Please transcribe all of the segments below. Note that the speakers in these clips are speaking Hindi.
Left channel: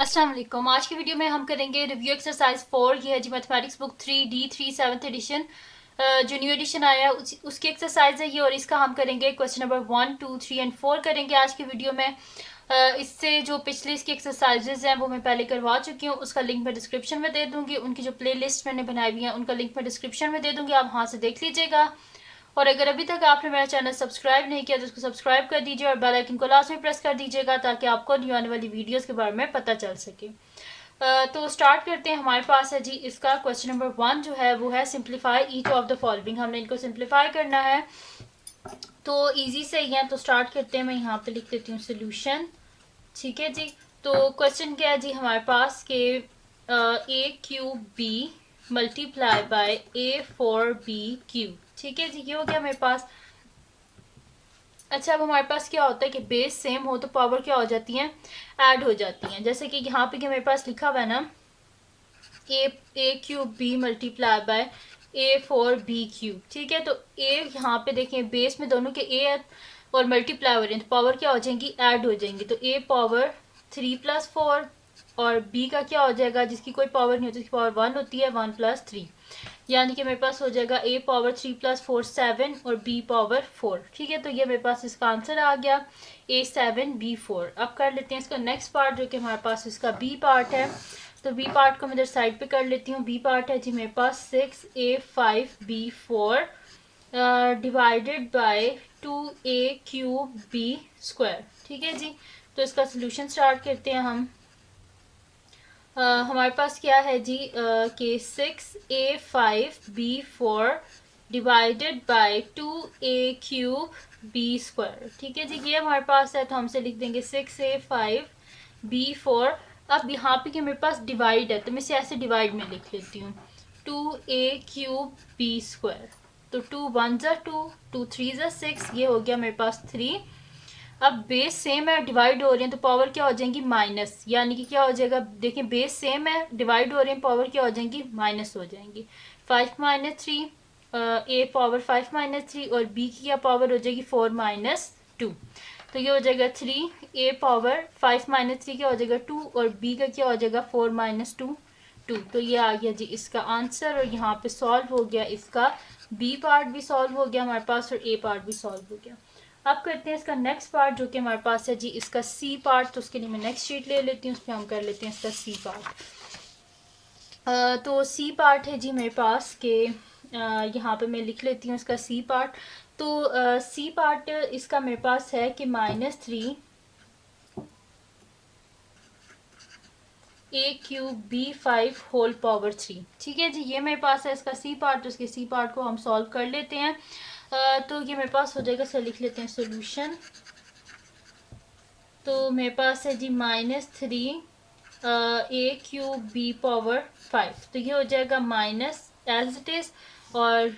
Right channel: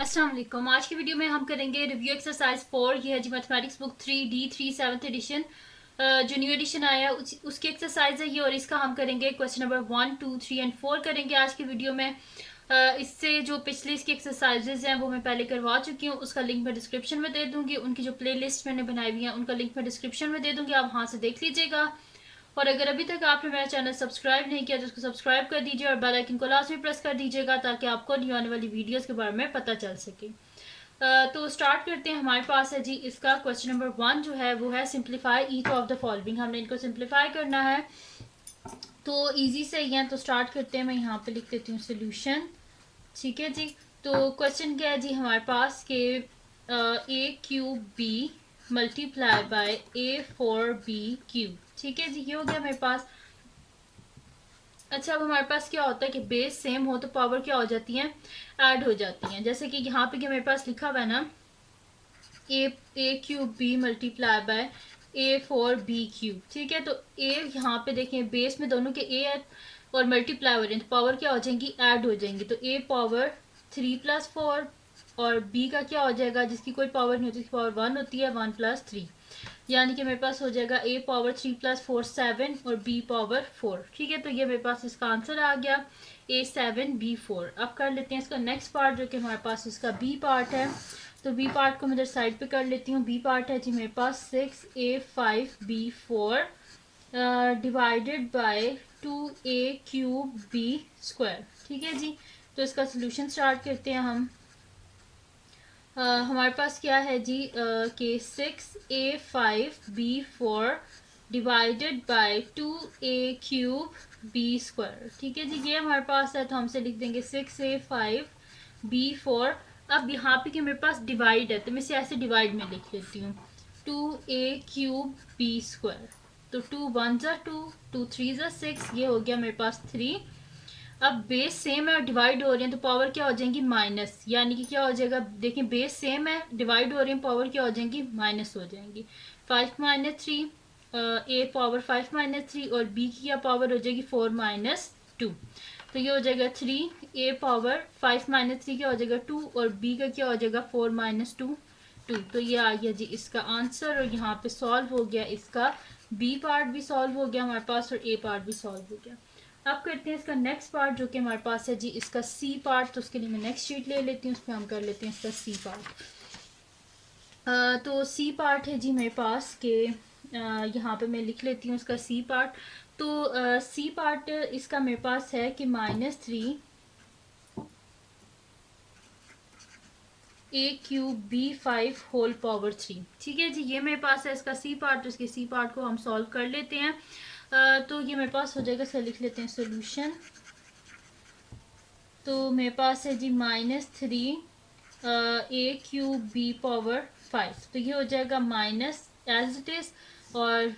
अस्सलाम वालेकुम। आज की वीडियो में हम करेंगे रिव्यू एक्सरसाइज 4। ये है जी mathematics book 3D3 7th edition, जो न्यू एडिशन आया है उसकी एक्सरसाइज है ये। और इसका हम करेंगे क्वेश्चन नंबर 1, 2, 3 एंड 4 करेंगे आज की वीडियो में। इससे जो पिछली इसकी एक्सरसाइजेज हैं वो मैं पहले करवा चुकी हूँ, उसका लिंक मैं डिस्क्रिप्शन में दे दूंगी। उनकी जो प्ले लिस्ट मैंने बनाई हुई है उनका लिंक मैं डिस्क्रिप्शन में दे दूंगी, आप वहाँ से देख लीजिएगा। और अगर अभी तक आपने मेरा चैनल सब्सक्राइब नहीं किया तो उसको सब्सक्राइब कर दीजिए और बेल आइकन को लास्ट में प्रेस कर दीजिएगा ताकि आपको न्यू आने वाली वीडियोस के बारे में पता चल सके। तो स्टार्ट करते हैं। हमारे पास है जी इसका क्वेश्चन नंबर 1 जो है वो है simplify each of the following. हमने इनको सिंप्लीफाई करना है, तो इजी से ही है। तो स्टार्ट करते हैं। मैं यहाँ पे लिख देती हूँ सोल्यूशन। ठीक है जी। तो क्वेश्चन क्या है जी हमारे पास के A cube B multiply by A four B cube. ठीक है जी, ये हो गया मेरे पास। अच्छा, अब हमारे पास क्या होता है कि बेस सेम हो तो पावर क्या हो जाती है, ऐड हो जाती हैं। जैसे कि यहाँ पे मेरे पास लिखा हुआ है ना, A cube B multiply by A four B cube. ठीक है, तो ए यहाँ पे देखें बेस में दोनों के ए और मल्टीप्लाई हो रहे हैं तो पावर क्या हो जाएंगी, ऐड हो जाएंगी। तो ए पावर 3+4 और बी का क्या हो जाएगा, जिसकी कोई पावर नहीं होती, उसकी पावर 1 होती है, 1+3। यानी कि मेरे पास हो जाएगा ए पावर 3+4 7 और बी पावर 4। ठीक है, तो ये मेरे पास इसका आंसर आ गया A7 B4। अब कर लेते हैं इसका नेक्स्ट पार्ट जो कि हमारे पास इसका बी पार्ट है। तो बी पार्ट को मैं इधर साइड पे कर लेती हूँ। बी पार्ट है जी मेरे पास 6A5B4 डिवाइडेड बाय 2A3B²। ठीक है जी, तो इसका सोल्यूशन स्टार्ट करते हैं हम। हमारे पास क्या है जी कि 6A5B4 डिवाइडेड बाय 2A3B²। ठीक है जी, ये हमारे पास है तो हमसे लिख देंगे 6A5B4। अब यहाँ पे कि मेरे पास डिवाइड है तो मैं इसे ऐसे डिवाइड में लिख लेती हूँ 2A3B²। तो 2 1 ज़ा 2, 2 3 ज़ा 6, ये हो गया मेरे पास 3। अब बेस सेम है और डिवाइड हो रहे हैं तो पावर क्या हो जाएंगी, माइनस। यानी कि क्या हो जाएगा, देखिए बेस सेम है, डिवाइड हो रहे हैं, पावर क्या हो जाएंगी, माइनस हो जाएंगी। 5-3, ए पावर 5-3 और बी की क्या पावर हो जाएगी, 4-2। तो ये हो जाएगा 3, ए पावर 5-3 क्या हो जाएगा 2 और बी का क्या हो जाएगा 4-2 2। तो ये आ गया जी इसका आंसर। और यहाँ पे सॉल्व हो गया इसका बी पार्ट भी सॉल्व हो गया हमारे पास और ए पार्ट भी सॉल्व हो गया। अब करते हैं इसका नेक्स्ट पार्ट जो कि हमारे पास है जी इसका सी पार्ट। तो उसके लिए मैं नेक्स्ट शीट ले लेती हूँ, उसमें हम कर लेते हैं इसका सी पार्ट। तो सी पार्ट है जी मेरे पास के यहाँ पे मैं लिख लेती हूँ इसका सी पार्ट। तो सी पार्ट इसका मेरे पास है कि -3 A3B5 होल पावर 3। ठीक है जी, ये मेरे पास है इसका सी पार्ट। तो इसके सी पार्ट को हम सॉल्व कर लेते हैं। तो ये मेरे पास हो जाएगा, सर लिख लेते हैं सोल्यूशन। तो मेरे पास है जी -3 A3B5। तो ये हो जाएगा माइनस एज इट इज। और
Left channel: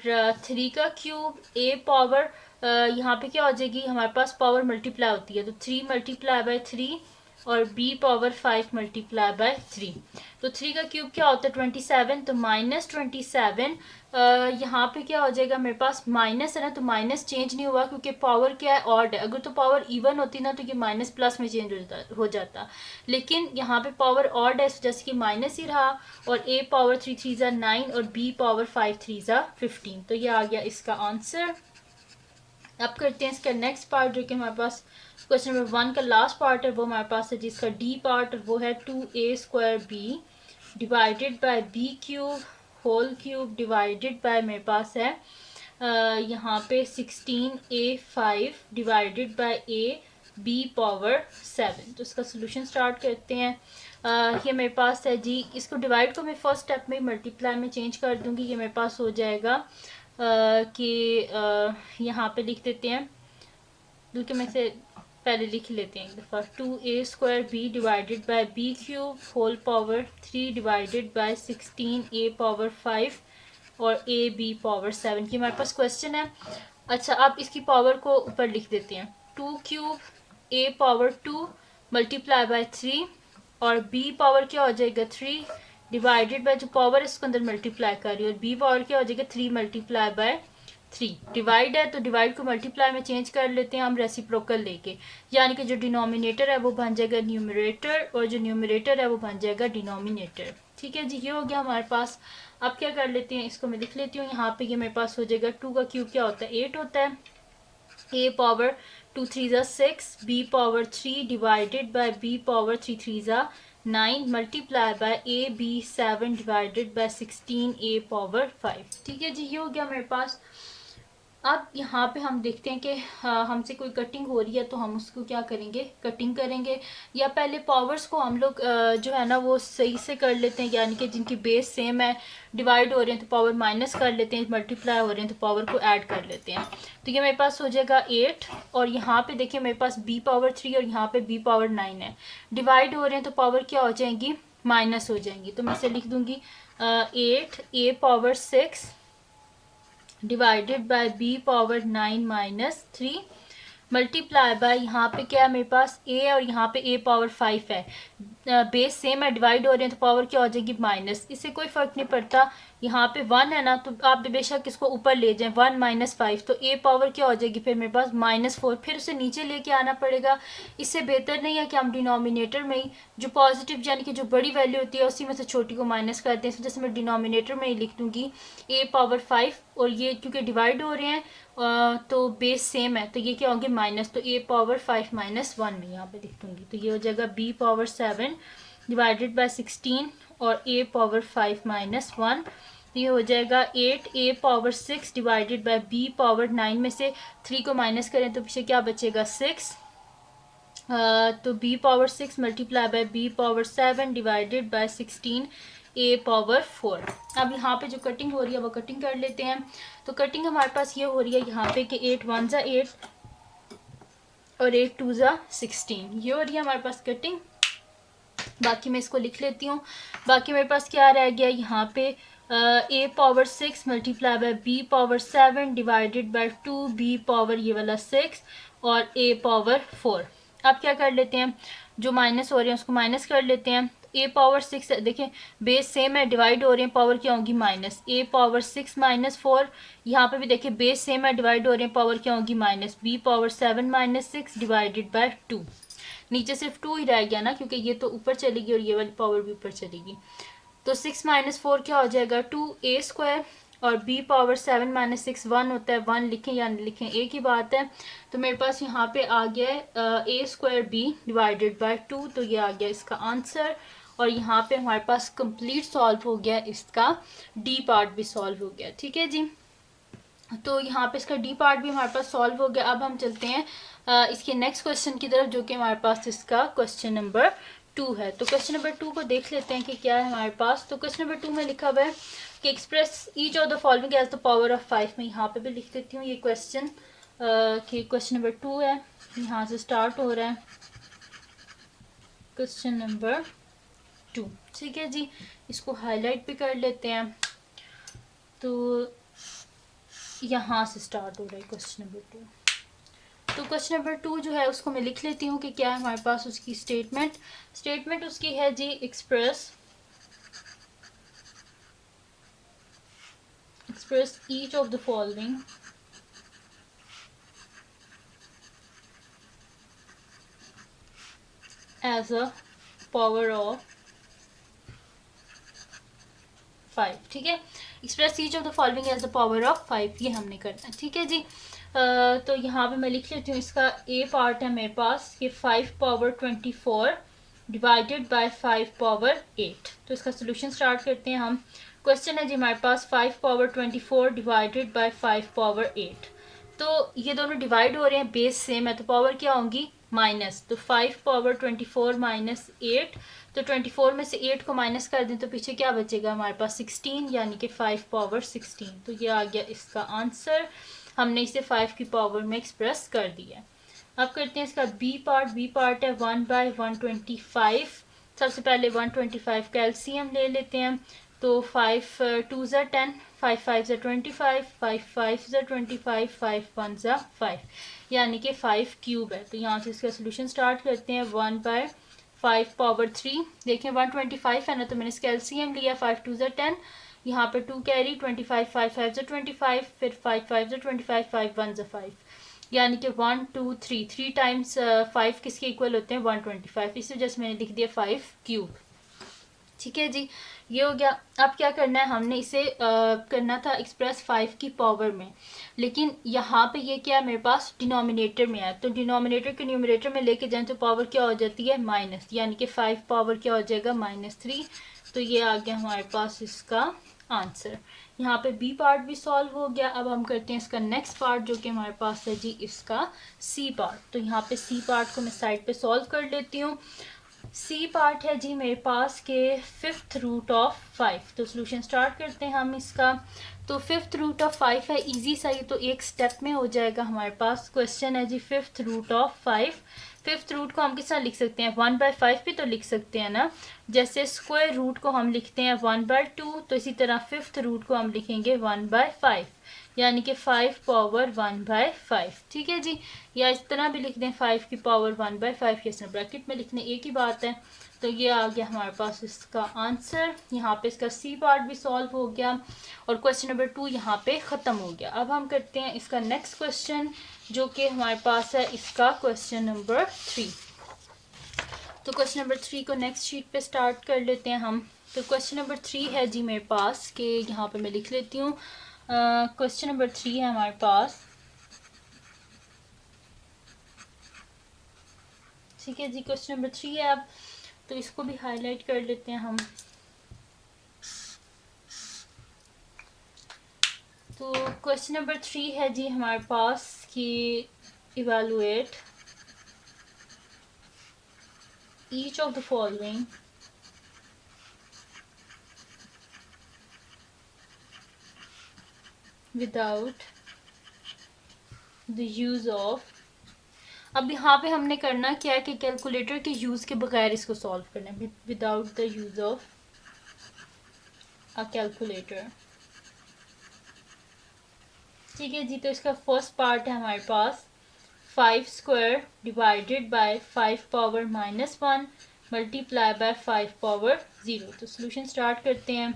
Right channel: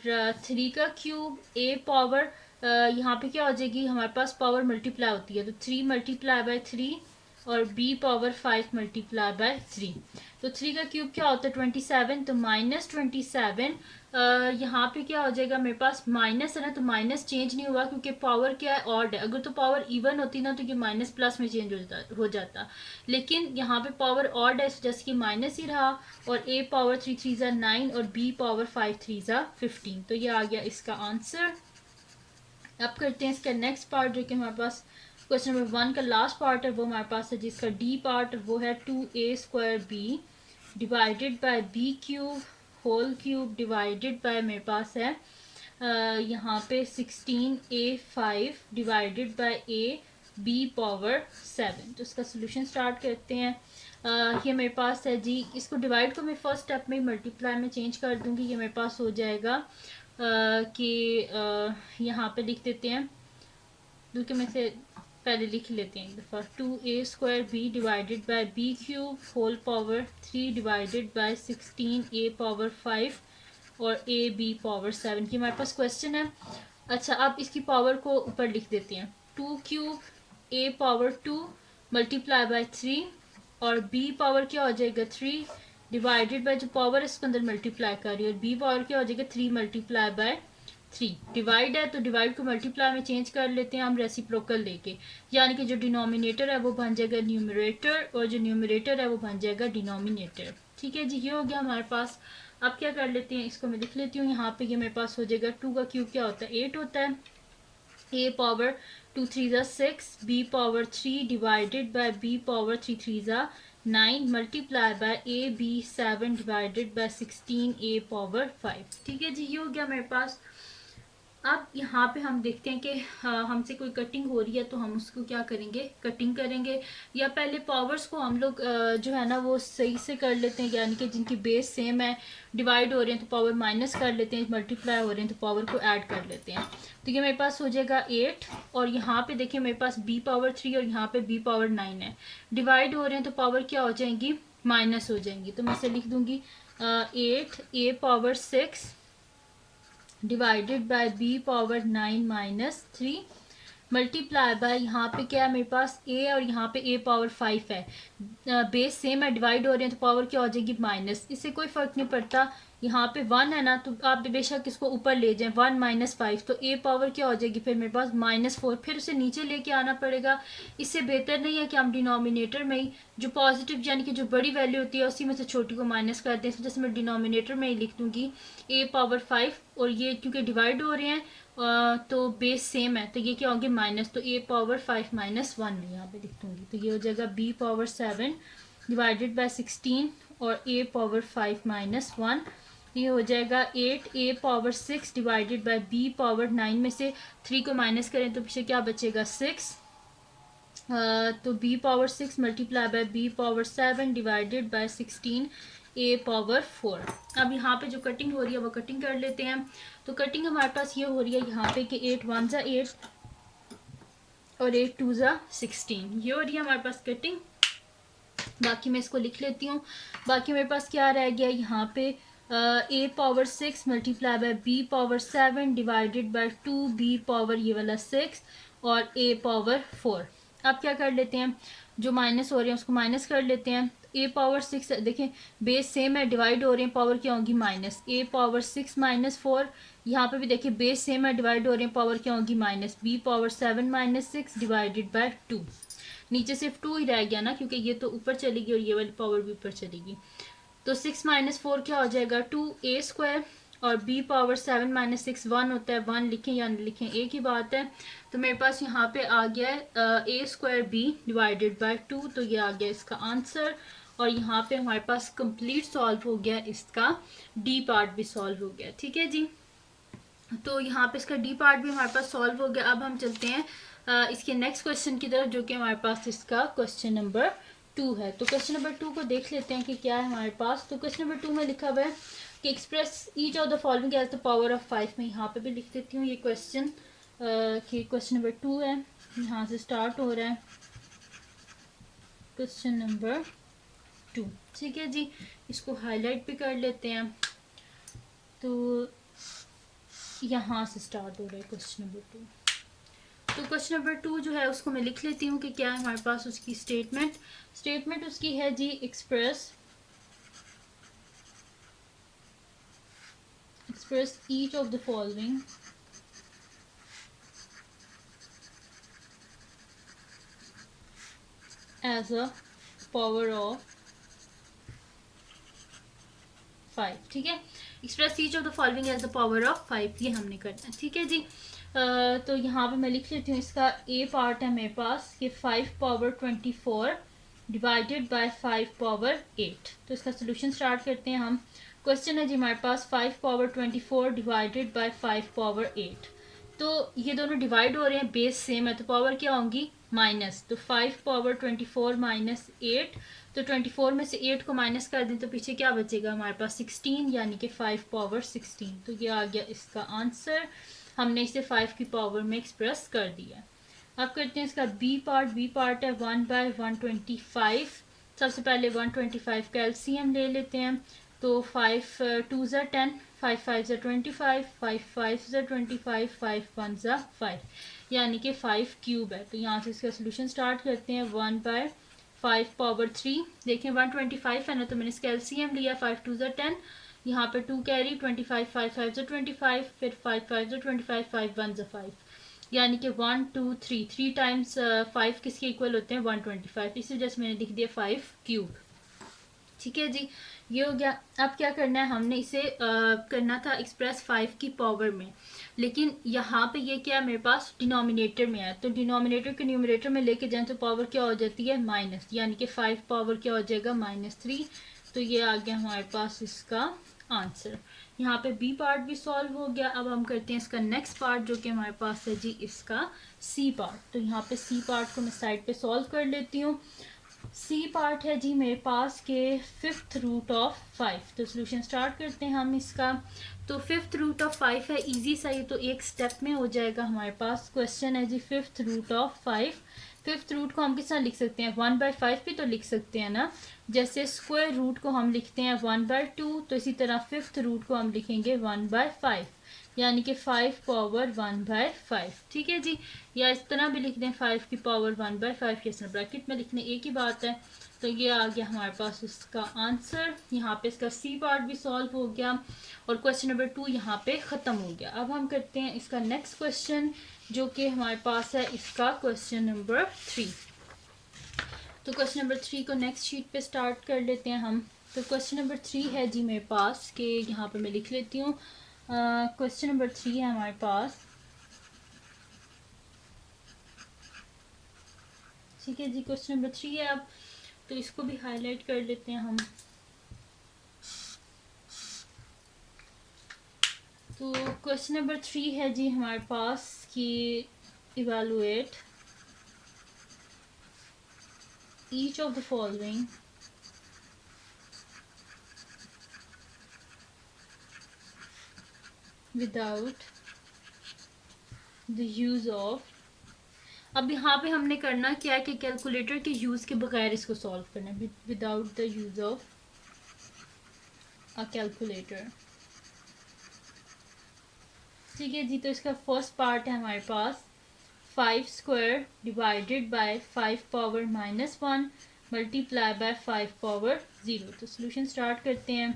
3 का क्यूब ए पावर, यहाँ पे क्या हो जाएगी, हमारे पास पावर मल्टीप्लाई होती है तो 3 मल्टीप्लाई बाय 3 और b पावर 5 मल्टीप्लाई बाय 3। तो 3 का क्यूब क्या होता है 27, तो -27। यहाँ पे क्या हो जाएगा, मेरे पास माइनस है ना, तो माइनस चेंज नहीं हुआ क्योंकि पावर क्या है, ऑड है। अगर तो पावर इवन होती ना तो ये माइनस प्लस में चेंज हो जाता। लेकिन यहाँ पे पावर ऑड है जैसे कि माइनस ही रहा। और a पावर 3 3 ज़ा 9 और b पावर 5 3 ज़ा 15। तो ये आ गया इसका आंसर। अब करते हैं इसका नेक्स्ट पार्ट जो कि हमारे पास क्वेश्चन नंबर 1 का लास्ट पार्ट है, वो हमारे पास है जिसका डी पार्ट, वो है 2A² b divided by b cube whole cube divided by मेरे पास है यहाँ पे 16A5 divided by a b power 7। तो इसका सोल्यूशन स्टार्ट करते हैं। ये मेरे पास है जी, इसको डिवाइड को मैं फर्स्ट स्टेप में मल्टीप्लाई में चेंज कर दूंगी। ये मेरे पास हो जाएगा कि यहाँ पे लिख देते हैं, बल्कि मैं से पहले लिख लेते हैं एक दफ़ा 2A² b divided by b cube whole power 3 divided by 16A power 5 और ए बी पावर 7 की हमारे पास क्वेश्चन है। अच्छा, अब इसकी पावर को ऊपर लिख देते हैं 2 cube A power 2 multiply by 3 और बी पावर क्या हो जाएगा 3 डिवाइडेड बाय जो पावर इसको अंदर मल्टीप्लाई कर रही है और बी पावर क्या हो जाएगा 3 मल्टीप्लाई बाय 3। डिवाइड है तो डिवाइड को मल्टीप्लाई में चेंज कर लेते हैं हम रेसिप्रोकल लेके, यानी कि जो डिनोमिनेटर है वो बन जाएगा न्यूमरेटर और जो न्यूमरेटर है वो बन जाएगा डिनोमिनेटर। ठीक है जी, ये हो गया हमारे पास। अब क्या कर लेते हैं, इसको मैं लिख लेती हूँ यहाँ पे। ये मेरे पास हो जाएगा 2 का क्यूब क्या होता है 8 होता है। a power 2 3 6, b power 3 divided bye b power 3 3 9 multiply by a b 7 divided by 16 a power 5। ठीक है जी, ये हो गया मेरे पास। अब यहाँ पे हम देखते हैं कि हमसे कोई कटिंग हो रही है तो हम उसको क्या करेंगे, कटिंग करेंगे। या पहले पावर्स को हम लोग जो है ना वो सही से कर लेते हैं, यानी कि जिनकी बेस सेम है, डिवाइड हो रहे हैं तो पावर माइनस कर लेते हैं, मल्टीप्लाई हो रहे हैं तो पावर को ऐड कर लेते हैं। तो ये मेरे पास हो जाएगा 8 और यहाँ पे देखिए मेरे पास b पावर 3 और यहाँ पे b पावर 9 है। डिवाइड हो रहे हैं तो पावर क्या हो जाएंगी, माइनस हो जाएंगी। तो मैं इसे लिख दूंगी 8 a power 6 divided by b power 9 minus 3 multiply by यहाँ पे क्या है मेरे पास a और यहाँ पे a पावर 5 है। बेस सेम है, डिवाइड हो रहे हैं तो पावर क्या हो जाएगी माइनस। इससे कोई फर्क नहीं पड़ता, यहाँ पे 1 है ना तो आप बेशक इसको ऊपर ले जाएं, 1 माइनस 5 तो a पावर क्या हो जाएगी फिर मेरे पास -4, फिर उसे नीचे लेके आना पड़ेगा। इससे बेहतर नहीं है कि हम डिनोमिनेटर में ही जो पॉजिटिव यानी कि जो बड़ी वैल्यू होती है उसी में से छोटी को माइनस करते हैं। जैसे मैं डिनोमिनेटर में ही लिख दूंगी a पावर 5 और ये क्योंकि डिवाइड हो रहे हैं तो बेस सेम है तो ये क्या होंगे माइनस, तो a पावर 5 माइनस 1 में यहाँ पे लिख दूंगी। तो ये हो जाएगा b पावर 7 डिवाइडेड बाय 16 और a पावर 5 माइनस 1। ये हो जाएगा 8 a power 6 divided by b power 9 में से 3 को माइनस करें तो पीछे क्या बचेगा 6। तो b power 6 multiply by b power 7 divided by 16 a power 4। अब यहाँ पे जो कटिंग हो रही है वो कटिंग कर लेते हैं। तो कटिंग हमारे पास ये हो रही है यहाँ पे कि 8 1 ज़ा 8 और 8 2 ज़ा 16, ये हो रही है हमारे पास कटिंग। बाकी मैं इसको लिख लेती हूँ। बाकी मेरे पास क्या रह गया यहाँ पे a power 6 multiply by b power 7 divided by 2b power ये वाला 6 और a पावर 4। अब क्या कर लेते हैं, जो माइनस हो रहे हैं उसको माइनस कर लेते हैं। a पावर 6 देखें बेस सेम है, डिवाइड हो रहे हैं पावर क्या होगी माइनस, a पावर 6 माइनस 4। यहाँ पे भी देखिए बेस सेम है, डिवाइड हो रहे हैं पावर क्या होगी minus, b power 7 minus 6 divided by 2। नीचे सिर्फ 2 ही रह गया ना क्योंकि ये तो ऊपर चलेगी और ये वाली पावर भी ऊपर चलेगी। तो 6 माइनस 4 क्या हो जाएगा 2a स्क्वायर और b पावर 7 माइनस 6 1 होता है, 1 लिखें या नहीं लिखें एक ही बात है। तो मेरे पास यहाँ पे आ गया है a square b divided bye 2, तो ये आ गया इसका आंसर। और यहाँ पे हमारे पास कंप्लीट सॉल्व हो गया, इसका डी पार्ट भी सॉल्व हो गया। ठीक है जी, तो यहाँ पे इसका डी पार्ट भी हमारे पास सॉल्व हो गया। अब हम चलते हैं इसके नेक्स्ट क्वेश्चन की तरफ, जो कि हमारे पास इसका क्वेश्चन नंबर 2 है। तो क्वेश्चन नंबर 2 को देख लेते हैं कि क्या है हमारे पास। तो क्वेश्चन नंबर 2 में लिखा हुआ है कि express each of the following as the power of 5। मैं यहाँ पे भी लिख देती हूँ ये क्वेश्चन कि क्वेश्चन नंबर 2 है, यहाँ से स्टार्ट हो रहा है क्वेश्चन नंबर 2। ठीक है जी, इसको हाईलाइट भी कर लेते हैं। तो यहाँ से स्टार्ट हो रहा है क्वेश्चन नंबर 2। तो क्वेश्चन नंबर 2 जो है उसको मैं लिख लेती हूँ कि क्या है हमारे पास उसकी स्टेटमेंट उसकी है जी express each of the following as a power of 5। ठीक है, express each of the following as the power of 5 ये हमने करना है। ठीक है जी, तो यहाँ पे मैं लिख लेती हूँ इसका ए पार्ट है मेरे पास कि 5 पावर 24 डिवाइडेड बाय 5 पावर 8। तो इसका सोल्यूशन स्टार्ट करते हैं हम। क्वेश्चन है जी हमारे पास 5 पावर 24 डिवाइडेड बाय 5 पावर 8। तो ये दोनों डिवाइड हो रहे हैं, बेस सेम है तो पावर क्या होंगी माइनस। तो 5 पावर 24 माइनस 8, तो 24 में से 8 को माइनस कर दें तो पीछे क्या बचेगा हमारे पास 16, यानी कि 5 पावर 16। तो ये आ गया इसका आंसर, हमने इसे 5 की पावर में एक्सप्रेस कर दिया। अब करते हैं इसका बी पार्ट है 1/125। सबसे पहले 125 का एलसीएम ले लेते हैं। तो 5 2 ज़ा 10, 5 5 ज़ा 25, 5 5 ज़ा 25, 5 1 ज़ा 5, यानी कि 5 क्यूब है। तो यहाँ से इसका सोल्यूशन स्टार्ट करते हैं। 1/5 पावर 3, देखें 125 है ना तो मैंने इसका एलसीएम लिया, 5 2 ज़ा 10, यहाँ पे 2 कैरी 25, 5 5 जो 25, फिर 5 5 जो 25, 5 1 जो 5, यानी कि 1 2 3 3 टाइम्स 5 किसके इक्वल होते हैं 125, इसी वजह से मैंने लिख दिया 5 क्यूब। ठीक है जी, ये हो गया। अब क्या करना है, हमने इसे करना था एक्सप्रेस 5 की पावर में, लेकिन यहाँ पे ये क्या मेरे पास डिनोमिनेटर में है, तो डिनोमिनेटर को न्यूमरेटर में लेके जाएं तो पावर क्या हो जाती है माइनस, यानी कि 5 पावर क्या हो जाएगा -3। तो ये आ गया हमारे पास इसका आंसर। यहाँ पे बी पार्ट भी सॉल्व हो गया। अब हम करते हैं इसका नेक्स्ट पार्ट जो कि हमारे पास है जी इसका सी पार्ट। तो यहाँ पे सी पार्ट को मैं साइड पे सॉल्व कर लेती हूँ। सी पार्ट है जी मेरे पास के 5th रूट ऑफ 5। तो सोल्यूशन स्टार्ट करते हैं हम इसका। तो 5th रूट ऑफ 5 है, इजी सा, ये तो एक स्टेप में हो जाएगा हमारे पास। क्वेश्चन है जी 5th root of 5। 5th root को हम किस तरह लिख सकते हैं, 1/5 भी तो लिख सकते हैं ना। जैसे स्क्वायर रूट को हम लिखते हैं 1/2, तो इसी तरह 5th रूट को हम लिखेंगे 1/5, यानी कि 5 पावर 1/5। ठीक है जी, या इस तरह भी लिख दें 5 की पावर 1/5, ये ब्रैकेट में लिखने एक ही बात है। तो ये आ गया हमारे पास इसका आंसर। यहाँ पे इसका सी पार्ट भी सॉल्व हो गया और क्वेश्चन नंबर 2 यहाँ पे ख़त्म हो गया। अब हम करते हैं इसका नेक्स्ट क्वेश्चन जो कि हमारे पास है इसका क्वेश्चन नंबर 3। तो क्वेश्चन नंबर 3 को नेक्स्ट शीट पे स्टार्ट कर लेते हैं हम। तो क्वेश्चन नंबर 3 है जी मेरे पास कि यहाँ पे मैं लिख लेती हूँ। क्वेश्चन नंबर 3 है हमारे पास। ठीक है जी, क्वेश्चन नंबर 3 है। अब तो इसको भी हाईलाइट कर लेते हैं हम। तो क्वेश्चन नंबर 3 है जी हमारे पास कि evaluate each of the following without the use of. अब यहाँ पे हमने करना क्या है कि कैलकुलेटर के यूज के बगैर इसको सॉल्व करना है, without the use of a calculator. ठीक है जी, तो इसका फर्स्ट पार्ट है हमारे पास 5 square divided by 5 power -1 multiply by 5 power 0। तो सोल्यूशन स्टार्ट करते हैं।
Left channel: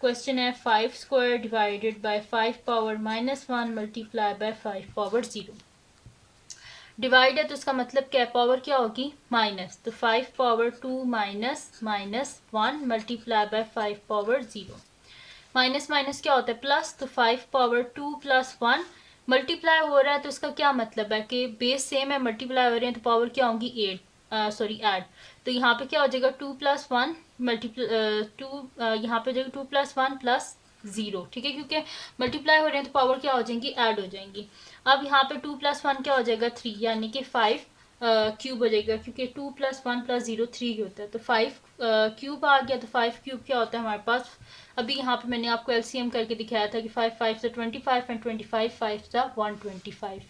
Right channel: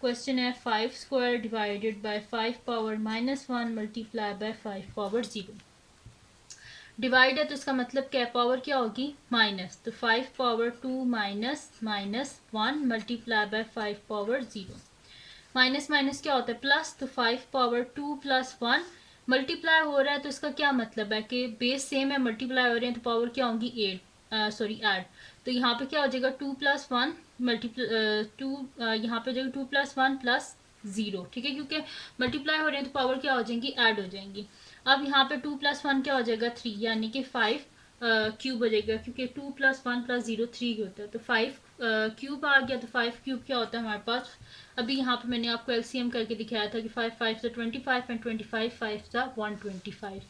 क्वेश्चन है 5 square divided by 5 power -1 multiply by 5 power 0। Divide है तो इसका मतलब क्या, पावर क्या होगी माइनस, तो 5 power 2 minus -1 multiply by 5 power 0। Minus minus क्या होता है प्लस, तो 5 पावर 2 प्लस 1 मल्टीप्लाई हो रहा है, तो इसका क्या मतलब है कि बेस सेम है, मल्टीप्लाई हो रहे हैं, तो पावर क्या होगी 8, सॉरी ऐड। तो यहाँ पे क्या हो जाएगा 2 + 1 मल्टीप्लाई 2, यहाँ पे हो जाएगा 2 + 1 + 0। ठीक है, क्योंकि मल्टीप्लाई हो रहे हैं तो पावर क्या हो जाएंगी ऐड हो जाएंगी। अब यहाँ पे 2 + 1 क्या हो जाएगा 3, यानी कि 5 क्यूब हो जाएगा, क्योंकि 2 + 1 + 0 3 होता है, तो 5 क्यूब आ गया। तो 5 क्यूब क्या होता है हमारे पास, अभी यहाँ पे मैंने आपको एलसीएम करके दिखाया था कि 5 5 से 25 एंड 25 5 से 125।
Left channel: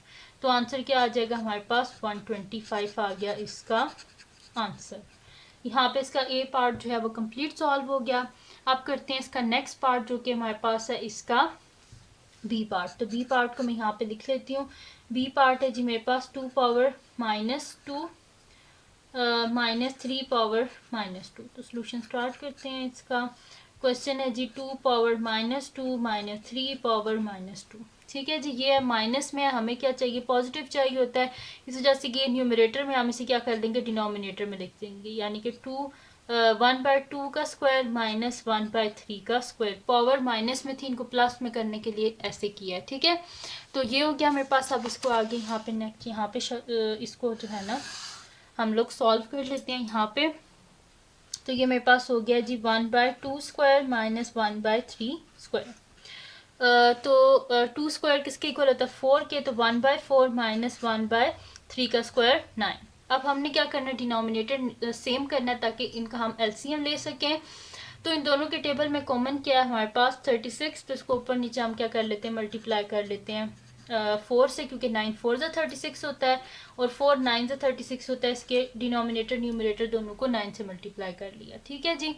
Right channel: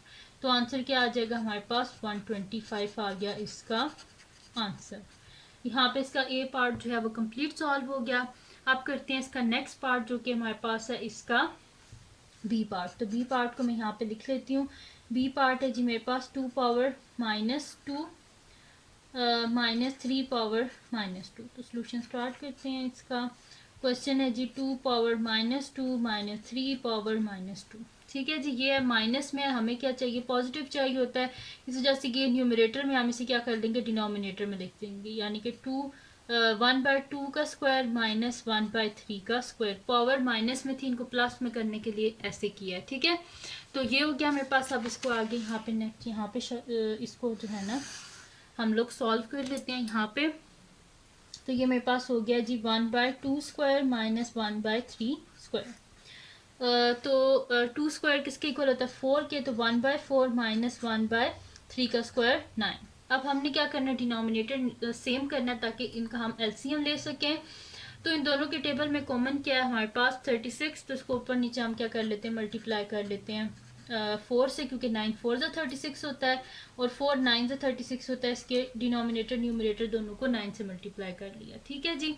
तो आंसर क्या आ जाएगा हमारे पास 125 आ गया इसका आंसर। यहाँ पे इसका ए पार्ट जो है वो कंप्लीट सॉल्व हो गया। अब करते हैं इसका नेक्स्ट पार्ट जो कि हमारे पास है इसका बी पार्ट। तो बी पार्ट को मैं यहाँ पे लिख लेती हूँ। बी पार्ट है जी मेरे पास 2 पावर -2 -3 पावर -2। तो सोल्यूशन स्टार्ट करते हैं इसका। क्वेश्चन है जी 2 पावर -2 -3 पावर -2। ठीक है जी, ये माइनस में हमें क्या चाहिए पॉजिटिव चाहिए होता है, इस वजह से ये न्यूमरेटर में हम इसे क्या कर देंगे डिनोमिनेटर में लिख देंगे, यानी कि 1/2 का स्क्वायर -1/3 का स्क्वायर। पावर माइनस में थी, इनको प्लस में करने के लिए ऐसे किया है। ठीक है, तो ये हो गया मेरे पास। अब इसको आगे यहाँ पे नेक्स्ट यहाँ पे इसको जो है ना हम लोग सॉल्व कर लेते हैं यहाँ पे। तो ये मेरे पास हो गया जी 1/2 स्क्वायर -1/3 स्क्वायर। तो 2 स्क्वायर किसके इक्वल होता है 4 के, तो 1/4 -1/3 का स्क्वायर 9। अब हमने क्या करना है डिनोमिनेटर सेम करना है ताकि इनका हम एलसीएम ले सकें। तो इन दोनों के टेबल में कॉमन क्या है हमारे पास 36, तो इसको ऊपर नीचे हम क्या कर लेते हैं मल्टीप्लाई कर लेते हैं 4 से, क्योंकि 9 4 ज़ा 36 होता है और 4 9 ज़ा 36 होता है। इसके डिनोमिनेटर न्यूमरेटर दोनों को 9 से मल्टीप्लाई कर लिया। ठीक है जी,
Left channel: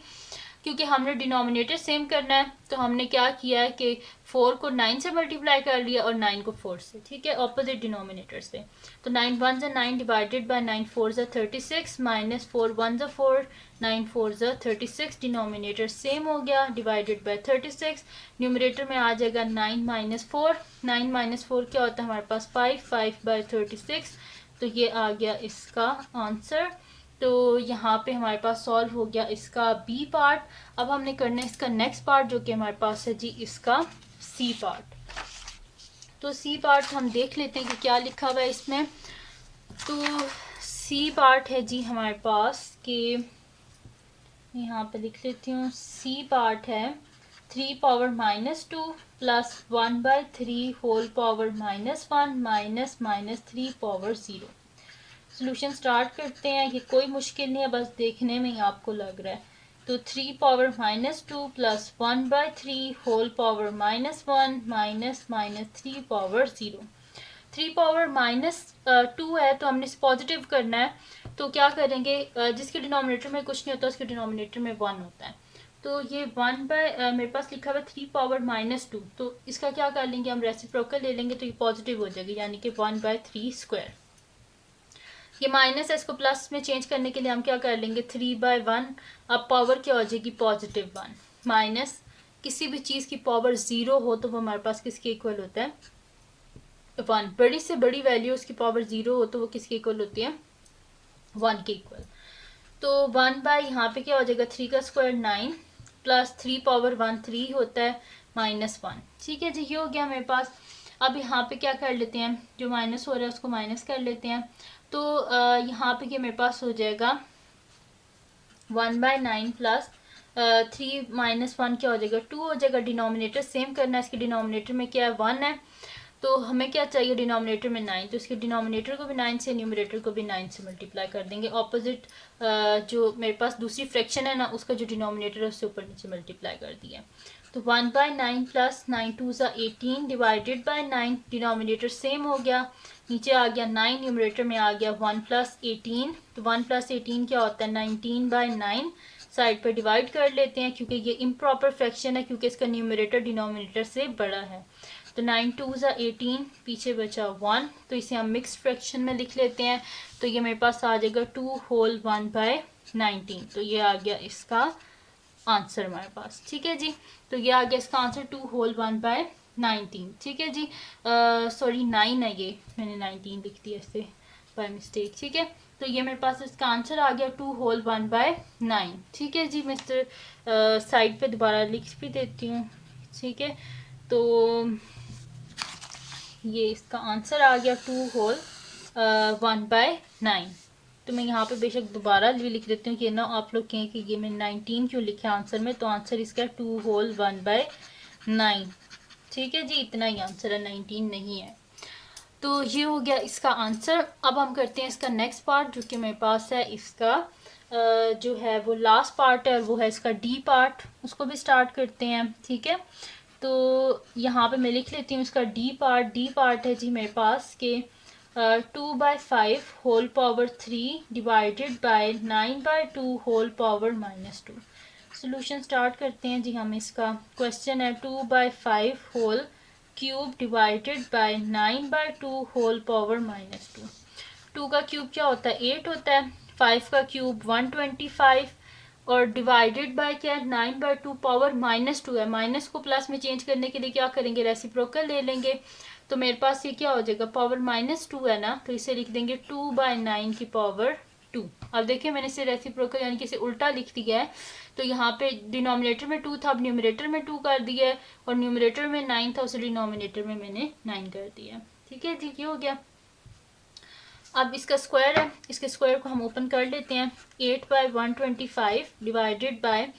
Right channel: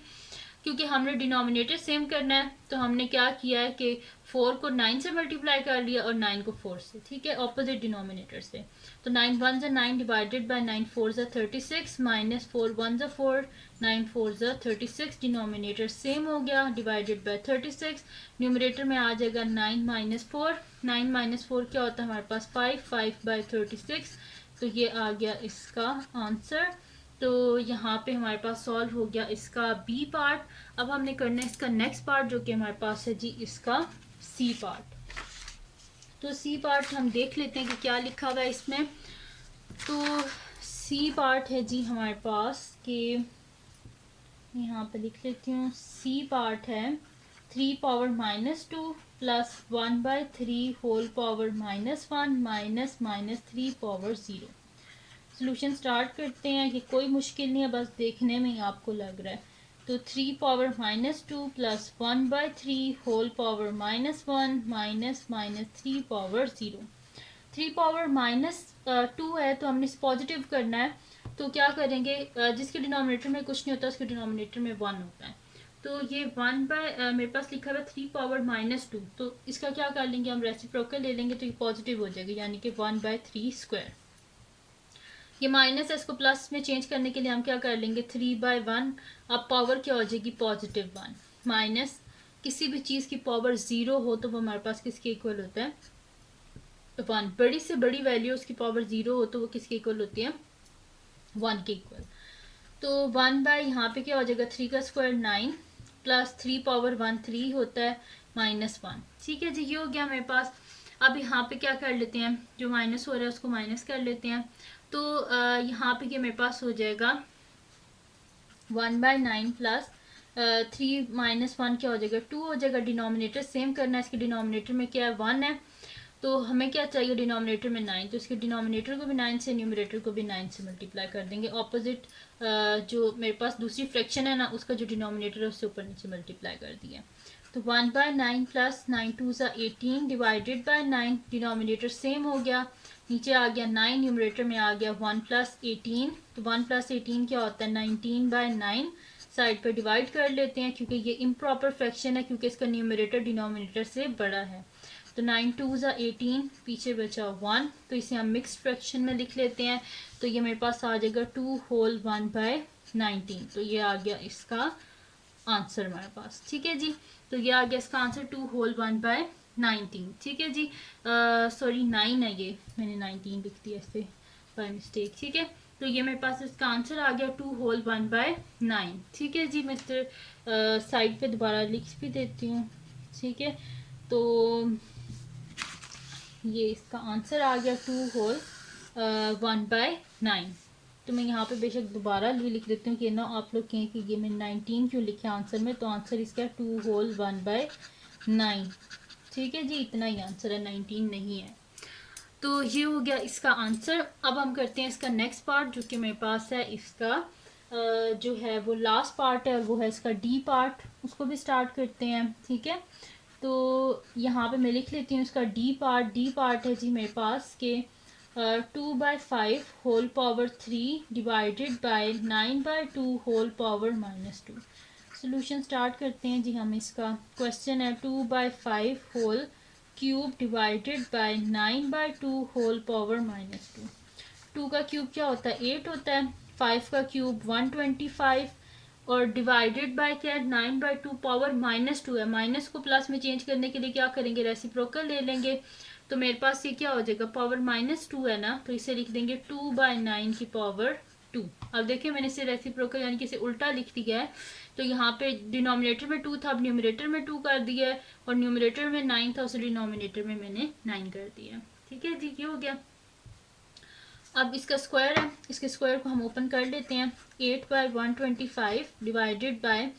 क्योंकि हमने डिनोमिनेटर सेम करना है तो हमने क्या किया है कि 4 को 9 से मल्टीप्लाई कर लिया और 9 को 4 से। ठीक है, ऑपोजिट डिनोमिनेटर से। तो 9 1 ज़ा 9 डिवाइडेड बाय 9 4 ज़ा 36 -4 1 ज़ा 4 9 4 ज़ा 36, डिनोमिनेटर सेम हो गया, डिवाइडेड बाय 36, न्यूमरेटर में आ जाएगा 9 माइनस 4, 9 माइनस 4 क्या होता है हमारे पास 5, 5 बाय 36, तो ये आ गया इसका आंसर। तो यहाँ पे हमारे पास सॉल्व हो गया इसका बी पार्ट। अब हमने करना है इसका नेक्स्ट पार्ट जो कि हमारे पास है जी इसका सी पार्ट। तो सी पार्ट हम देख लेते हैं कि क्या लिखा हुआ है इसमें। तो सी पार्ट है जी हमारे पास कि यहाँ पे लिख लेती हूँ, सी पार्ट है 3 power -2 plus 1/3 whole power -1 minus minus 3 power 0। Solution start करते हैं, ये कोई मुश्किल नहीं है, बस देखने में ही आपको लग रहा है। तो 3 power -2 plus 1/3 whole power -1 minus minus 3 power 0। 3 power -2 है तो हमने इसे पॉजिटिव करना है, तो क्या करेंगे, जिसके डिनोमिनेटर में कुछ नहीं होता उसके डिनोमिनेटर में 1 होता है। तो ये 1 बाय मेरे पास लिखा हुआ 3 पावर -2, तो इसका क्या कर लेंगे हम, रेसिप्रोकल ले लेंगे तो ये पॉजिटिव हो जाएगा, यानी कि 1/3 स्क्वायर। ये माइनस है, इसको प्लस में चेंज करने के लिए हम क्या कर लेंगे 3/1, अब पावर क्या हो जाएगी +1 माइनस किसी भी चीज़ की पावर 0 हो तो वो हमारे पास किसके इक्वल होता है 1। बड़ी से बड़ी वैल्यू उसकी पावर 0 हो तो वो किसके इक्वल होती है 1 के इक्वल। तो 1 बाय यहाँ पे क्या हो जाएगा 3 का स्क्वायर 9 प्लस 3 पावर 1 3 होता है -1। ठीक है जी, ये हो गया मेरे पास। अब यहाँ पे क्या कर लेते हैं, जो माइनस हो रहा है उसको माइनस कर लेते हैं। तो यहाँ पे क्या मेरे पास हो जाएगा 1/9 प्लस 3 -1 क्या हो जाएगा 2 हो जाएगा। डिनोमिनेटर सेम करना है, इसके डिनोमिनेटर में क्या है 1 है, तो हमें क्या चाहिए डिनोमिनेटर में 9, तो इसके डिनोमिनेटर को भी 9 से न्यूमरेटर को भी 9 से मल्टीप्लाई कर देंगे। ऑपोजिट जो मेरे पास दूसरी फ्रैक्शन है ना उसका जो डिनोमिनेटर है उससे ऊपर नीचे मल्टीप्लाई कर दिया। तो 1/9 प्लस 9 2 ज़ा 18 डिवाइडेड बाय 9, डिनोमिनेटर सेम हो गया, नीचे आ गया 9, न्यूमरेटर में आ गया 1 + 18, तो 1 + 18 क्या होता है 19/9। साइड पर डिवाइड कर लेते हैं क्योंकि ये इम्प्रॉपर फ्रैक्शन है, क्योंकि इसका न्यूमरेटर डिनोमिनेटर से बड़ा है। तो 9 2 ज़ा 18, पीछे बचा 1, तो इसे हम मिक्स फ्रैक्शन में लिख लेते हैं। तो ये मेरे पास आ जाएगा 2 होल 1/19, तो ये आ गया इसका आंसर हमारे पास। ठीक है जी, तो ये आ गया इसका आंसर 2 होल 1/19। ठीक है जी, सॉरी 9 है, ये मैंने 19 लिख दिया इससे बाय मिस्टेक। ठीक है, तो ये मेरे पास इसका आंसर आ गया 2 होल 1/9। ठीक है जी, मिस्टर साइड पे दोबारा लिख भी देती हूँ। ठीक है, तो ये इसका आंसर आ गया 2 होल 1/9। तो मैं यहाँ पे बेशक दोबारा भी लिख देती हूँ कि ना आप लोग कहें कि ये मैंने 19 क्यों लिखा आंसर में, तो आंसर इसका 2 होल 1/9। ठीक है जी, इतना ही आंसर है, 19 नहीं है। तो ये हो गया इसका आंसर। अब हम करते हैं इसका नेक्स्ट पार्ट जो कि मेरे पास है इसका जो है वो लास्ट पार्ट है, और वो है इसका डी पार्ट, उसको भी स्टार्ट करते हैं। ठीक है, तो यहाँ पे मैं लिख लेती हूँ इसका डी पार्ट। डी पार्ट है जी मेरे पास के 2/5 whole power 3 divided by 9/2 whole power -2। Solution start करते हैं जी हम। इसका क्वेश्चन है 2/5 whole cube divided by 9/2 whole power -2। 2 का क्यूब क्या होता है 8 होता है, 5 का क्यूब 125, और डिवाइडेड बाय क्या है 9/2 पावर -2 है। माइनस को प्लस में चेंज करने के लिए क्या करेंगे रेसिप्रोकल ले लेंगे। तो मेरे पास ये क्या हो जाएगा पावर -2 है ना, तो इसे लिख देंगे 2/9 की पावर 2। अब देखिए मैंने इसे रेसिप्रोकल यानी कि इसे उल्टा लिख दिया है। तो यहाँ पे डिनोमिनेटर में 2 था, अब न्यूमरेटर में 2 कर दिया है, और न्यूमरेटर में 9 था उसे डिनोमिनेटर में मैंने 9 कर दिया। ठीक है जी, ये हो गया। अब इसका स्क्वायर है, इसके स्क्वायर को हम ओपन कर लेते हैं। 8/125 डिवाइडेड बाय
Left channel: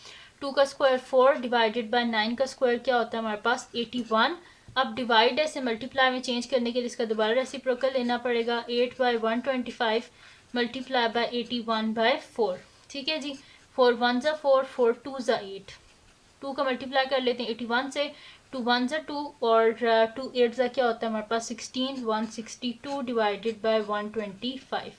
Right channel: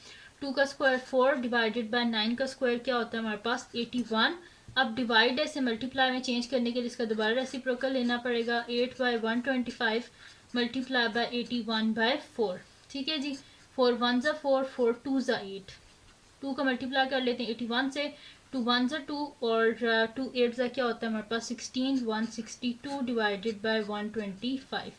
2 का स्क्वायर 4 डिवाइडेड बाय 9 का स्क्वायर क्या होता है हमारे पास 81। अब डिवाइड है, मल्टीप्लाई में चेंज करने के लिए इसका दोबारा रेसिप्रोकल लेना पड़ेगा। 8/125 मल्टीप्लाई बाय 81/4। ठीक है जी, 4 1 ज़ा 4, 4 2 ज़ा 8, 2 का मल्टीप्लाई कर लेते हैं 81 से, 2 1 ज़ा 2 और 2 8 ज़ा क्या होता है हमारे पास 16, 162 डिवाइडेड बाय 125।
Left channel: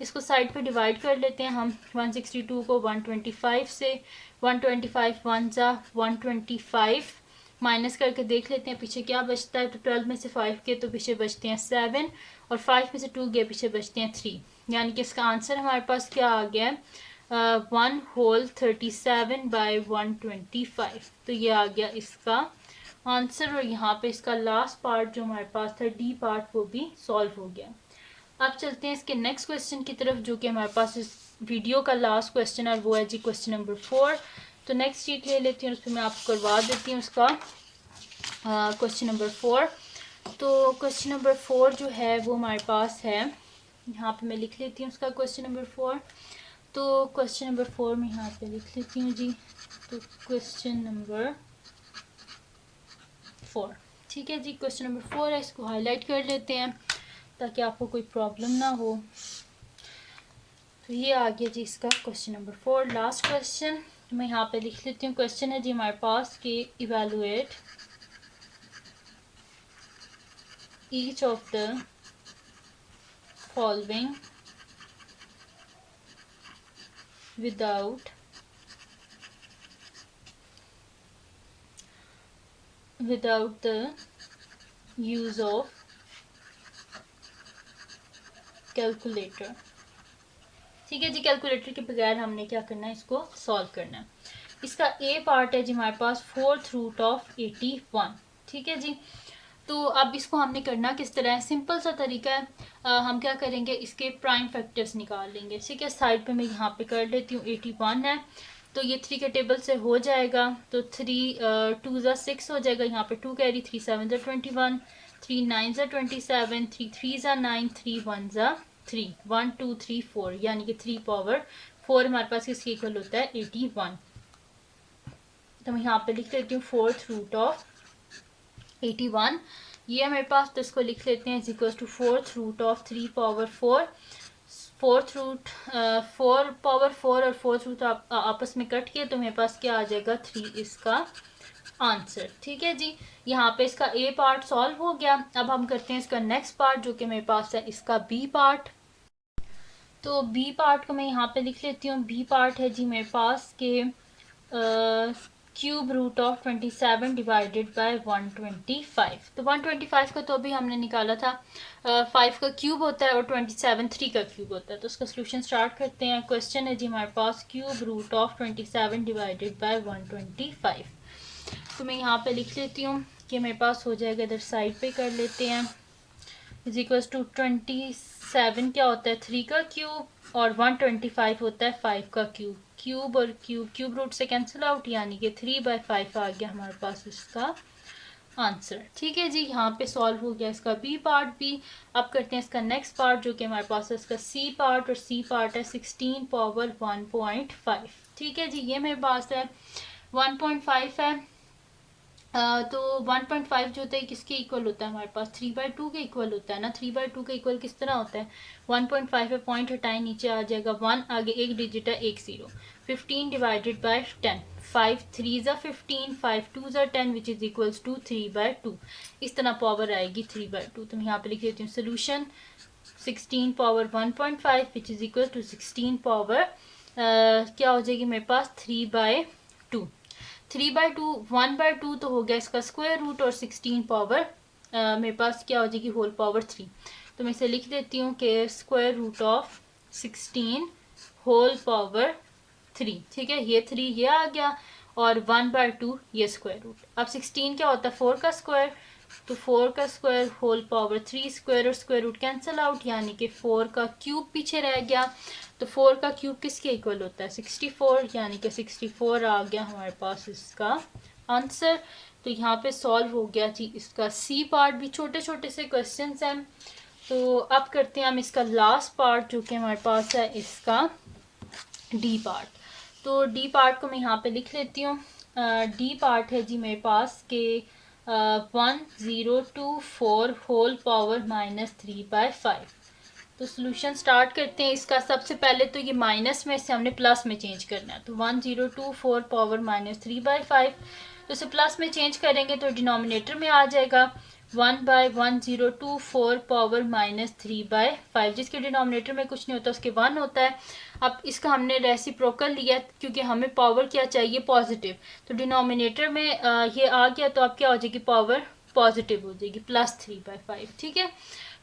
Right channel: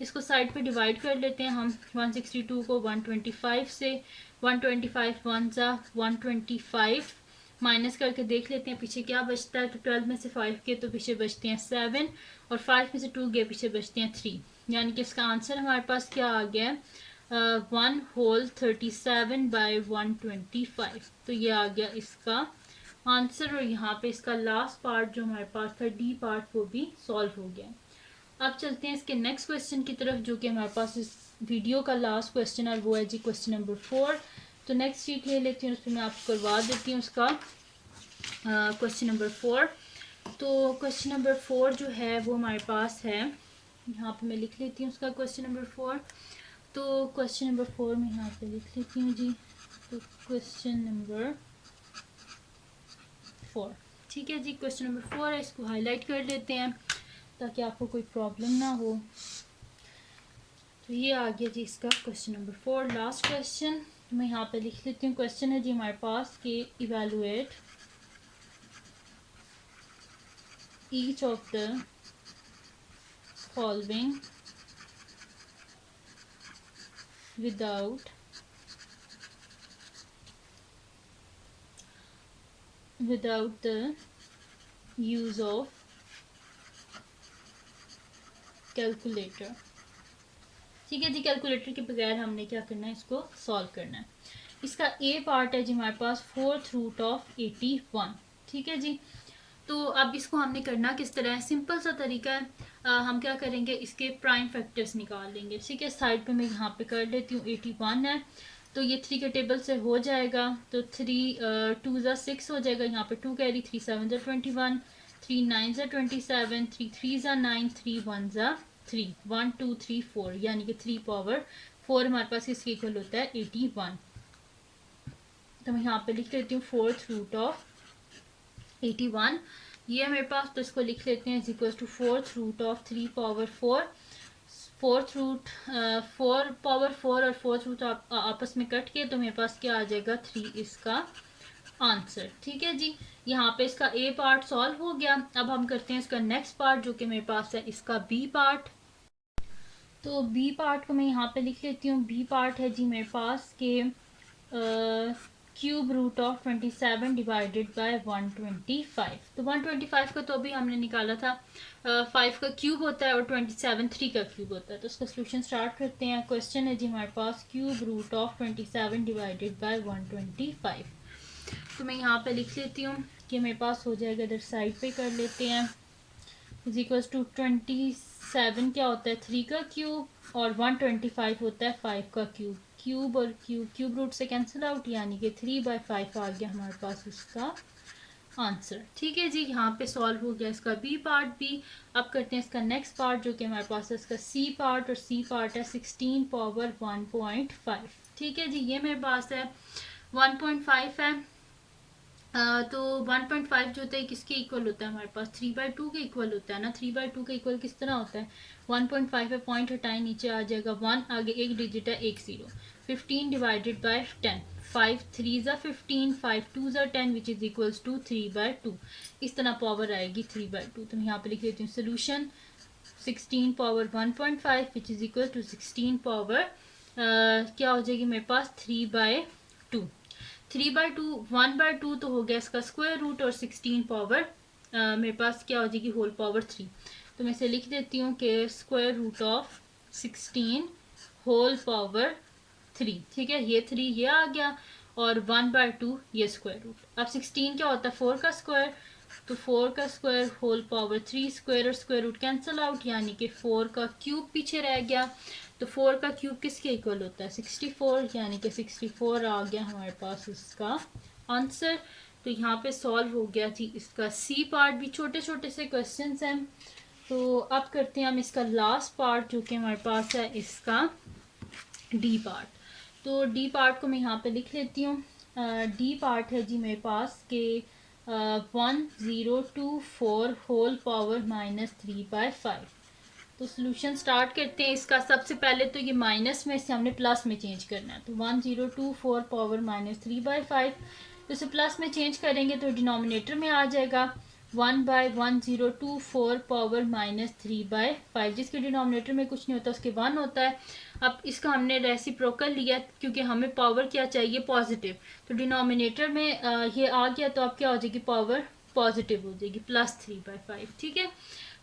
इसको साइड पे डिवाइड कर लेते हैं हम। 162 को 125 से, 125 1 ज़ा 125, माइनस करके देख लेते हैं पीछे क्या बचता है। तो 12 में से 5 के तो पीछे बचते हैं 7, और 5 में से 2 गए पीछे बचते हैं 3, यानी कि इसका आंसर हमारे पास क्या आ गया है 1 होल 37/125। तो ये आ गया इसका आंसर। और यहाँ पे इसका लास्ट पार्ट जो हमारे पास था डी पार्ट वो भी सॉल्व हो गया। अब चलते हैं इसके नेक्स्ट क्वेश्चन की तरफ जो कि हमारे पास इस वीडियो का लास्ट क्वेश्चन है, वो है जी क्वेश्चन नंबर 4। तो नेक्स्ट शीट ले लेती हूँ, उस पर मैं आपको करवा देती हूँ उसका क्वेश्चन नंबर 4। तो क्वेश्चन नंबर 4 जो है वो हमारे पास है, यहाँ पे मैं लिख लेती हूँ उसका क्वेश्चन नंबर 4। तो क्वेश्चन नंबर 4 में यहाँ पे लिख लेती हूँ जी। तो क्वेश्चन नंबर 4, ठीक है जी, क्वेश्चन नंबर 4 है, इसको हाईलाइट कर लेते हैं ताकि आपको कोई प्रॉब्लम ना हो। तो ये आ गया जी इसका क्वेश्चन नंबर 4, लास्ट क्वेश्चन। तो मैं यहाँ पे लिख लेती हूँ। क्वेश्चन है जी हमारे पास कि evaluate each of the following without the use of calculator. ठीक है जी, कैलकुलेटर के बगैर हमने क्या करना है, इसको सॉल्व करना है। इसका ए पार्ट है जी हमारे पास 4th रूट ऑफ 81। ठीक है जी, तो अब इसको हमने करना किस तरह है, सिंपल सा तरीका है। हम क्या करेंगे, इसके प्राइम फैक्टर्स निकाल लेंगे। ठीक है, साइड पे मैं यहाँ पे कर लेती हूँ। 81 है तो ये 3 के टेबल से हो जाएगा। तो 3 2 ज़ा 6 हो जाएगा, यहाँ पे 2 कैरी, 3 7 ज़ा 21, 3 9 ज़ा 27, 3 3 ज़ा 9, 3 1 ज़ा 3, 1 2 3 4, यानी कि 3 पावर 4 हमारे पास किसके इक्वल होता है, 81। तो मैं यहाँ पे लिख लेती हूँ 4th रूट ऑफ 81, ये है मेरे पास। तो इसको लिख लेते हैं is equal to 4th root of 3 power 4। 4th root 4 power 4 और 4th रूट आपस में कट किए तो मेरे पास क्या आ जाएगा, 3 इसका आंसर। ठीक है जी, यहाँ पे इसका ए पार्ट सॉल्व हो गया। अब हम करते हैं इसका नेक्स्ट पार्ट जो कि मेरे पास है इसका बी पार्ट। तो बी पार्ट को मैं यहाँ पे लिख लेती हूँ। बी पार्ट है जी मेरे पास के cube root of 27 divided by 125। तो 125 को तो अभी हमने निकाला था, 5 का क्यूब होता है और 27 3 का क्यूब होता है। तो उसका सोल्यूशन स्टार्ट करते हैं। क्वेश्चन है जी हमारे पास cube root of 27 divided by 125। तो मैं यहाँ पे लिख लेती हूँ कि मेरे पास हो जाएगा, इधर साइड पे कर लेते हैं। इज इक्वल्स टू 27 क्या होता है, 3 का क्यूब, और 125 होता है 5 का क्यूब। क्यूब और क्यूब क्यूब रूट से कैंसिल आउट, यानी कि 3/5 आ गया हमारे पास इसका आंसर। ठीक है जी, यहाँ पे सॉल्व हो गया इसका बी पार्ट भी। अब करते हैं इसका नेक्स्ट पार्ट जो कि हमारे पास है इसका सी पार्ट, और सी पार्ट है 16 पावर 1.5। ठीक है जी, ये मेरे पास है 1.5 है। तो 1.5 जो होता है किसके इक्वल होता है, हमारे पास 3/2 के इक्वल होता है ना। 3/2 के इक्वल किस तरह होता है, 1.5 पे पॉइंट हटाए, नीचे आ जाएगा 1, आगे एक डिजिट है, एक 0। 15 डिवाइडेड बाय 10, 5 3 ज़ा 15, 5 2 ज़ा 10 विच इज इक्वल्स टू 3/2। इस तरह पावर आएगी 3/2। तो मैं यहाँ पे लिख देती हूँ solution 16 power 1.5 which is equal to 16 power क्या हो जाएगी मेरे पास 3/2। 3/2 1/2 तो हो गया इसका स्क्वायर रूट, और 16 पावर मेरे पास क्या हो जाएगी, होल पावर 3। तो मैं इसे लिख देती हूँ कि square root of 16 whole power 3। ठीक है, ये 3 ये आ गया, और 1/2 ये स्क्वायर रूट। अब 16 क्या होता है, 4 का स्क्वायर, तो 4 का स्क्वायर होल पावर 3 स्क्वायर, और स्क्वायर रूट कैंसिल आउट, यानी कि 4 का क्यूब पीछे रह गया। तो 4 का क्यूब किसके इक्वल होता है, 64, यानी कि 64 आ गया हमारे पास इसका आंसर। तो यहाँ पे सॉल्व हो गया जी इसका सी पार्ट भी। छोटे छोटे से क्वेश्चंस हैं। तो अब करते हैं हम इसका लास्ट पार्ट जो कि हमारे पास है इसका डी पार्ट। तो डी पार्ट को मैं यहाँ पे लिख लेती हूँ। डी पार्ट है जी मेरे पास के 1024 होल पावर -3/5। तो सोल्यूशन स्टार्ट करते हैं इसका। सबसे पहले तो ये माइनस में से हमने प्लस में चेंज करना है। तो 1024 पावर -3/5, तो इसे प्लस में चेंज करेंगे तो डिनोमिनेटर में आ जाएगा 1/1024 पावर -3/5, जिसके डिनोमिनेटर में कुछ नहीं होता, उसके 1 होता है। अब इसका हमने रेसिप्रोकल लिया क्योंकि हमें पावर क्या चाहिए, पॉजिटिव। तो डिनोमिनेटर में ये आ गया, तो अब क्या हो जाएगी, पावर पॉजिटिव हो जाएगी, +3/5। ठीक है,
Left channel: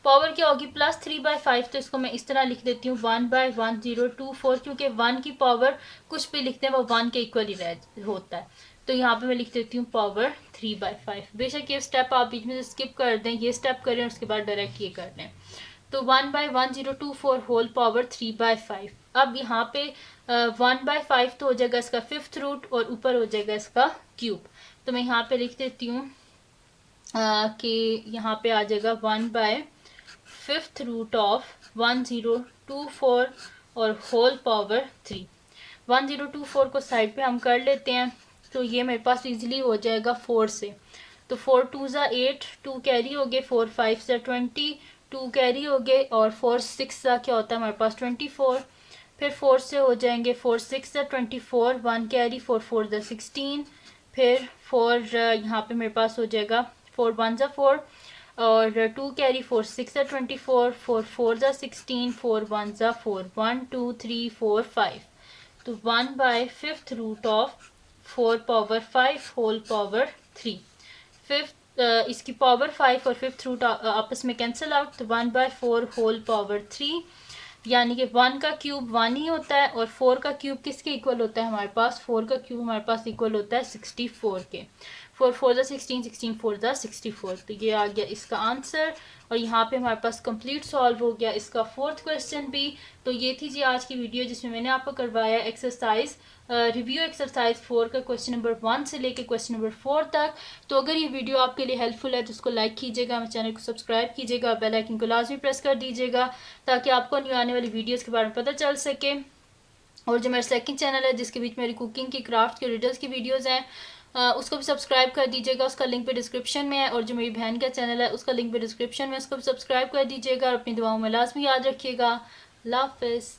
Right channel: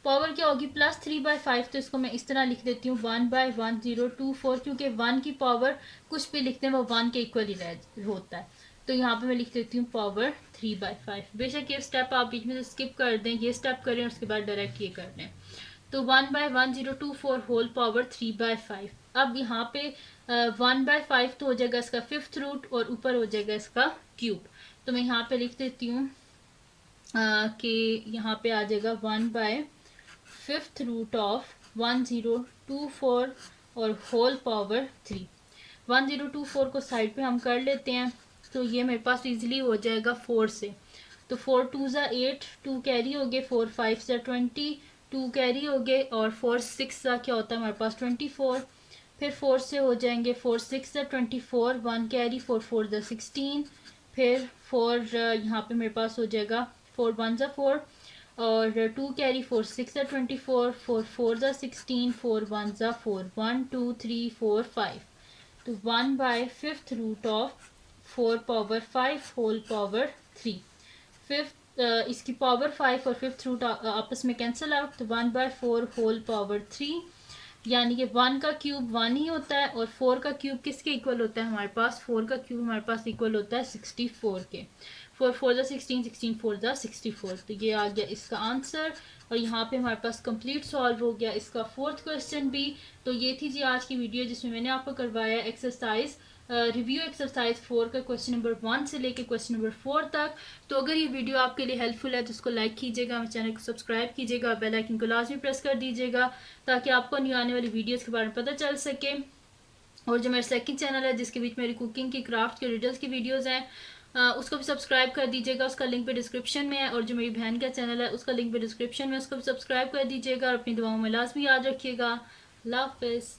पावर क्या होगी +3/5, तो इसको मैं इस तरह लिख देती हूँ 1/1024, क्योंकि 1 की पावर कुछ भी लिखते हैं वो 1 के इक्वल ही होता है। तो यहाँ पे मैं लिख देती हूँ पावर 3/5। बेशक ये स्टेप आप बीच में से स्किप कर दें, ये स्टेप करें और उसके बाद डायरेक्ट ये कर लें। तो 1/1024 होल पावर 3/5। अब यहाँ पे 1/5 तो हो जाएगा इसका फिफ्थ रूट और ऊपर हो जाएगा इसका क्यूब। तो मैं यहाँ पे लिख देती हूँ कि यहाँ पे आ जाएगा 1/5 रूट ऑफ 1024 और होल पावर 3। 1024 को साइड पे हम कर लेते हैं, तो ये मेरे पास इजीली हो जाएगा 4 से। तो 4 2 ज़ा 8, 2 कैरी हो गए, 4 5 ज़ा 20, 2 कैरी हो गए, और 4 6 ज़ा क्या होता है हमारे पास 24। फिर 4 से हो जाएंगे 4 6 ज़ा 24, 1 कैरी, 4 4 ज़ा 16। फिर 4 यहाँ पे मेरे पास हो जाएगा 4 1 ज़ा 4 और 2 कैरी, 4 6 ज़ा 24, 4 4 ज़ा 16, 4 1 ज़ा 4, 1 2 3 4 5। तो 1/5 root of 4 power 5 whole power 3। Fifth इसकी पावर 5 और फिफ्थ रूट आपस में कैंसिल आउट, तो 1/4 होल पावर 3, यानी कि 1 का क्यूब 1 ही होता है और 4 का क्यूब किसके इक्वल होता है हमारे पास, 4 का क्यूब हमारे पास इक्वल होता है 64 के। 4 4 ज़ा 16, 16 4 ज़ा 64। तो ये आ गया इसका आंसर, और यहाँ पे हमारे पास कंप्लीट सॉल्व हो गया इसका फोर्थ क्वेश्चन भी। तो ये थी जी आज की वीडियो जिसमें मैंने आपको करवाया एक्सरसाइज रिव्यू एक्सरसाइज 4 का क्वेश्चन नंबर 1 से लेकर क्वेश्चन नंबर 4 तक। तो अगर ये वीडियो आपके लिए हेल्पफुल है तो इसको लाइक कीजिएगा, मेरे चैनल को सब्सक्राइब कीजिएगा, बेल आइकन को लाजमी प्रेस कर दीजिएगा ताकि आपको न्यू आने वाली वीडियोज़ के बारे में पता चल सके। और जो मेरा सेकंड चैनल है जिसके बीच मेरी कुकिंग की, क्राफ्ट की, रिडल्स की वीडियोस हैं, उसको भी सब्सक्राइब कर दीजिएगा, उसका लिंक पे डिस्क्रिप्शन में है। और जो मेरी बहन का चैनल है उसका लिंक पे डिस्क्रिप्शन में, उसको भी सब्सक्राइब कर दीजिएगा। और अपनी दुआओं में लाजमी याद रखिएगा। अल्लाह हाफिज़।